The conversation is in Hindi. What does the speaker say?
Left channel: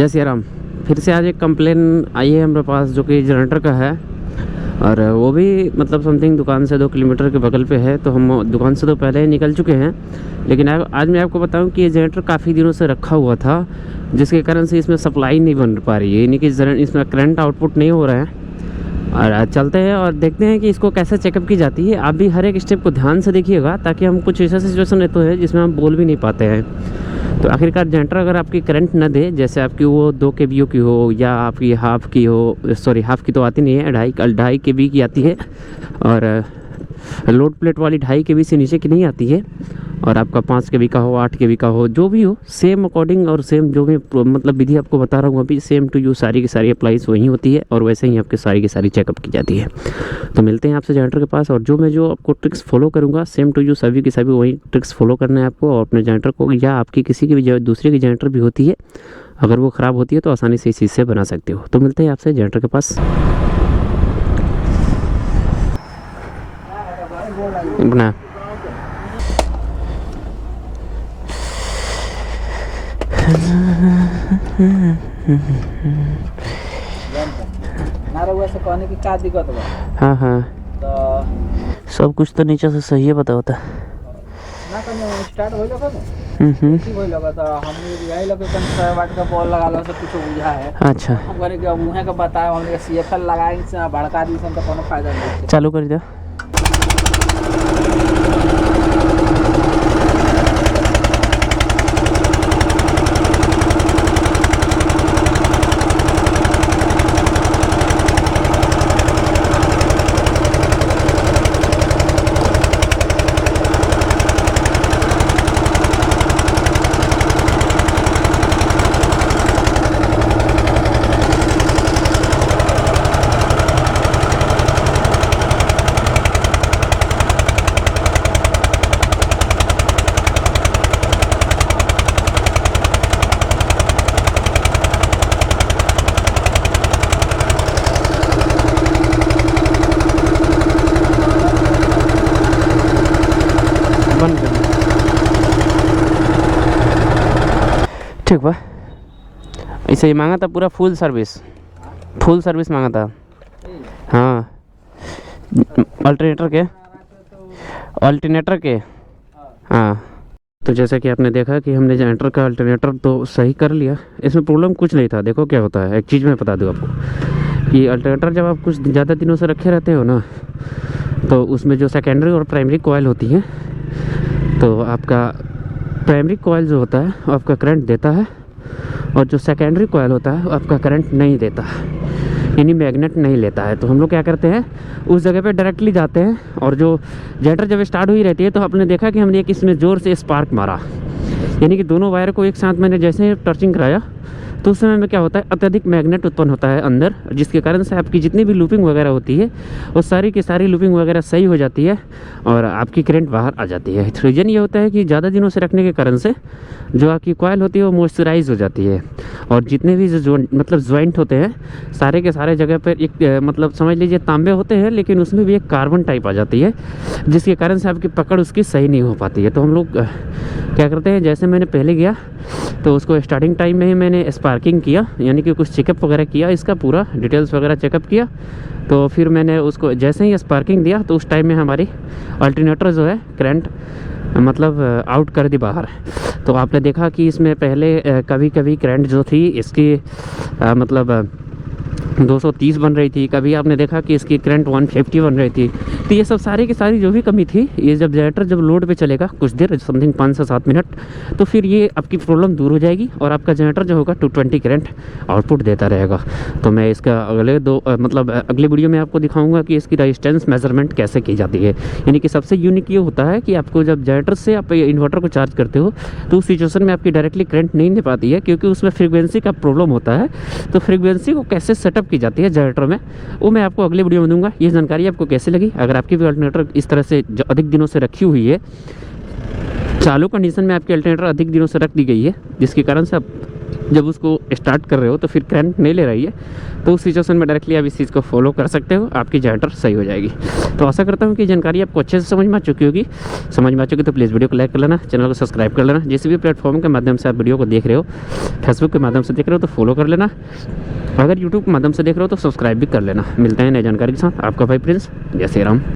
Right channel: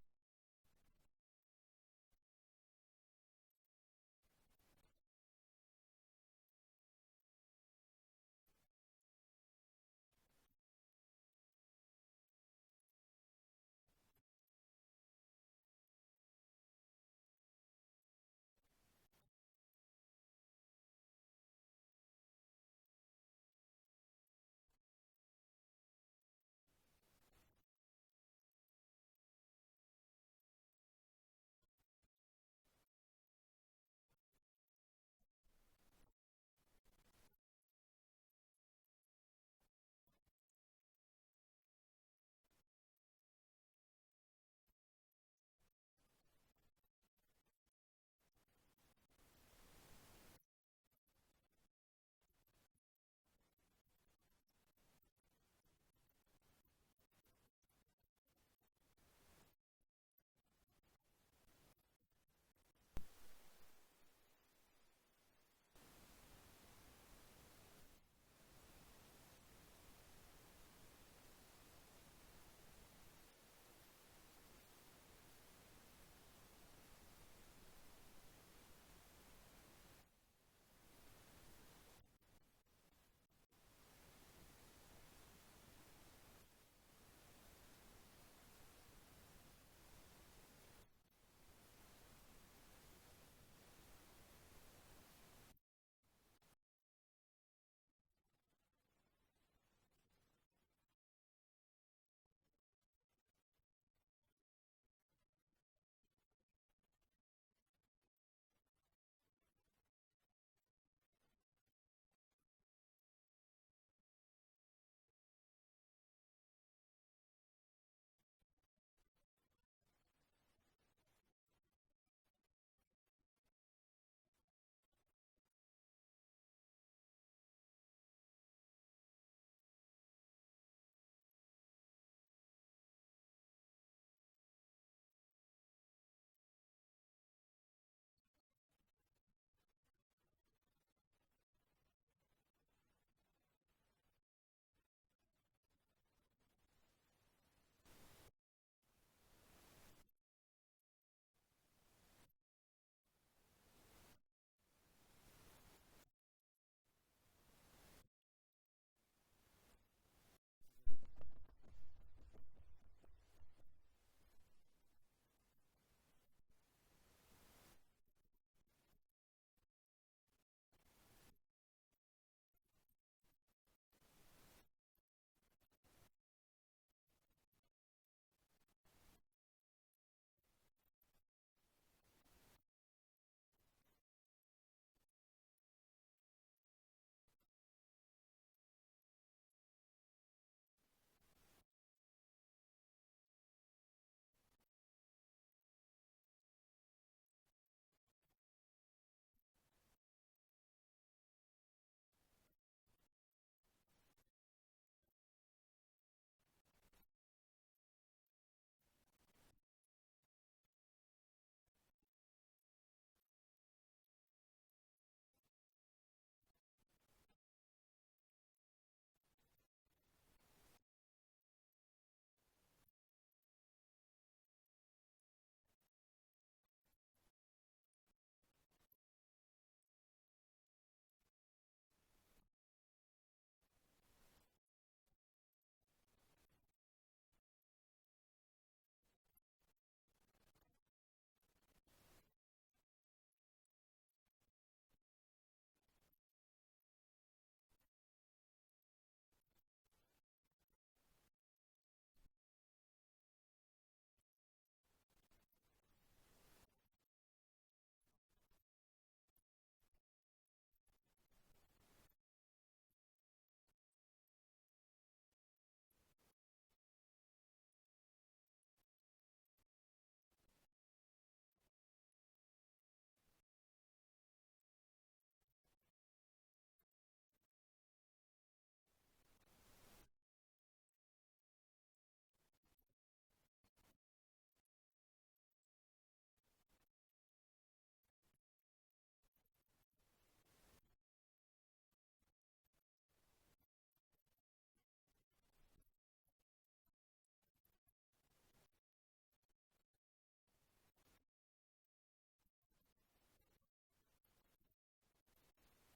जय सिया राम। फिर से आज एक कंप्लेन आई है हमारे पास जो कि जनरेटर का है, और वो भी मतलब समथिंग दुकान से 2 किलोमीटर के बगल पे है। तो हम दुकान से तो पहले ही निकल चुके हैं, लेकिन आज मैं आपको बताऊं कि ये जनरेटर काफ़ी दिनों से रखा हुआ था, जिसके कारण से इसमें सप्लाई नहीं बन पा रही है, यानी कि इसमें करंट आउटपुट नहीं हो रहा है। और आज चलते हैं और देखते हैं कि इसको कैसे चेकअप की जाती है। आप भी हर एक स्टेप को ध्यान से देखिएगा, ताकि हम कुछ ऐसा सिचुएशन रहते हैं जिसमें हम बोल भी नहीं पाते हैं। तो आखिरकार जनरेटर अगर आपकी करंट न दे, जैसे आपकी वो 2 kVA की हो या आपकी हाफ की हो, सॉरी हाफ की तो आती नहीं है, 2.5 kV की आती है, और लोड प्लेट वाली 2.5 kV से नीचे की नहीं आती है। और आपका 5 kV का हो, 8 kV का हो, जो भी हो, सेम अकॉर्डिंग और सेम जो भी मतलब विधि आपको बता रहा हूँ अभी, सेम टू यू सारी की सारी अप्लाइज वही होती है, और वैसे ही आपकी सारी की सारी चेकअप की जाती है। तो मिलते हैं आपसे जनरेटर के पास, और जो आपको ट्रिक्स फॉलो करूँगा सेम टू यू सभी की सभी वही ट्रिक्स फॉलो करना है आपको। और अपने जनरेटर को या आपकी किसी की भी दूसरे की जनरेटर भी होती है, अगर वो ख़राब होती है तो आसानी से इस चीज़ से बना सकते हो। तो मिलते हैं आपसे जनरेटर के पास। बना कहने की क्या दिक्कत बा? हाँ हाँ, तो सब कुछ तो नीचे से सही है, पता होता ना कहीं स्टार्ट हो लगा ना ठीक हो लगा। तो हमने यही लगे कन 100 वाट का बॉल लगा लो, सब कुछ बुझा है। अच्छा, हम कहने कि अब उहे का बताया, हमने सीएफएल लगाए से भड़का दी से तो कोनो फायदा नहीं। चालू कर दिया। ठीक बा, ऐसे ही मांगा था पूरा फुल सर्विस मांगा था। हाँ, अल्टरनेटर के हाँ। तो जैसा कि आपने देखा कि हमने जनरेटर का अल्टरनेटर तो सही कर लिया, इसमें प्रॉब्लम कुछ नहीं था। देखो क्या होता है, एक चीज़ मैं बता दूँ आपको कि अल्टरनेटर जब आप कुछ ज़्यादा दिनों से रखे रहते हो ना, तो उसमें जो सेकेंडरी और प्राइमरी कॉइल होती है, तो आपका प्राइमरी कॉइल जो होता है वो आपका करंट देता है, और जो सेकेंडरी कॉइल होता है वो आपका करंट नहीं देता, यानी मैग्नेट नहीं लेता है। तो हम लोग क्या करते हैं, उस जगह पे डायरेक्टली जाते हैं, और जो जनरेटर जब स्टार्ट हुई रहती है तो आपने देखा कि हमने एक इसमें ज़ोर से स्पार्क मारा, यानी कि दोनों वायर को एक साथ मैंने जैसे ही टर्चिंग कराया, तो उस समय में क्या होता है, अत्यधिक मैग्नेट उत्पन्न होता है अंदर, जिसके कारण से आपकी जितनी भी लूपिंग वगैरह होती है वो सारी की सारी लूपिंग वगैरह सही हो जाती है, और आपकी करंट बाहर आ जाती है। रीज़न ये होता है कि ज़्यादा दिनों से रखने के कारण से जो आपकी कॉइल होती है वो मॉइस्चराइज हो जाती है, और जितने भी जो मतलब जॉइंट होते हैं सारे के सारे जगह पर एक मतलब समझ लीजिए तांबे होते हैं, लेकिन उसमें भी एक कार्बन टाइप आ जाती है, जिसके कारण से आपकी पकड़ उसकी सही नहीं हो पाती है। तो हम लोग क्या करते हैं, जैसे मैंने पहले गया तो उसको स्टार्टिंग टाइम में ही मैंने स्पार्किंग किया, यानी कि कुछ चेकअप वगैरह किया, इसका पूरा डिटेल्स वगैरह चेकअप किया। तो फिर मैंने उसको जैसे ही स्पार्किंग दिया तो उस टाइम में हमारी अल्टरनेटर जो है करंट मतलब आउट कर दी बाहर। तो आपने देखा कि इसमें पहले कभी कभी करंट जो थी इसकी मतलब 230 बन रही थी, कभी आपने देखा कि इसकी करंट 150 बन रही थी। तो ये सब सारी की सारी जो भी कमी थी, ये जब जनरेटर जब लोड पे चलेगा कुछ देर समथिंग 5 से 7 मिनट, तो फिर ये आपकी प्रॉब्लम दूर हो जाएगी, और आपका जनरेटर जो होगा 220 करंट आउटपुट देता रहेगा। तो मैं इसका अगले वीडियो में आपको दिखाऊंगा कि इसकी रजिस्टेंस मेजरमेंट कैसे की जाती है। यानी कि सबसे यूनिक ये होता है कि आपको जब जनरेटर से आप इन्वर्टर को चार्ज करते हो तो उस सिचुएशन में आपकी डायरेक्टली करंट नहीं दे पाती है, क्योंकि उसमें फ्रीक्वेंसी का प्रॉब्लम होता है। तो फ्रीक्वेंसी को कैसे सेटअप की जाती है जनरेटर में, वो मैं आपको अगले वीडियो में दूंगा। ये जानकारी आपको कैसी लगी? अगर आपकी भी अल्टरनेटर इस तरह से अधिक दिनों से रखी हुई है, चालू कंडीशन में आपकी अल्टरनेटर अधिक दिनों से रख दी गई है, जिसके कारण से आप जब उसको स्टार्ट कर रहे हो तो फिर करंट नहीं ले रही है, तो उस सिचुएशन में डायरेक्टली आप इस चीज़ को फॉलो कर सकते हो, आपकी जनरेटर सही हो जाएगी। तो आशा करता हूँ कि जानकारी आपको अच्छे से समझ में आ चुकी होगी। समझ में आ चुकी तो प्लीज़ वीडियो को लाइक कर लेना, चैनल को सब्सक्राइब कर लेना। जिस भी प्लेटफॉर्म के माध्यम से आप वीडियो को देख रहे हो, फेसबुक के माध्यम से देख रहे हो तो फॉलो कर लेना, अगर यूट्यूब के माध्यम से देख रहे हो तो सब्सक्राइब भी कर लेना। मिलते हैं नई जानकारी के साथ, आपका भाई प्रिंस। जय श्री राम।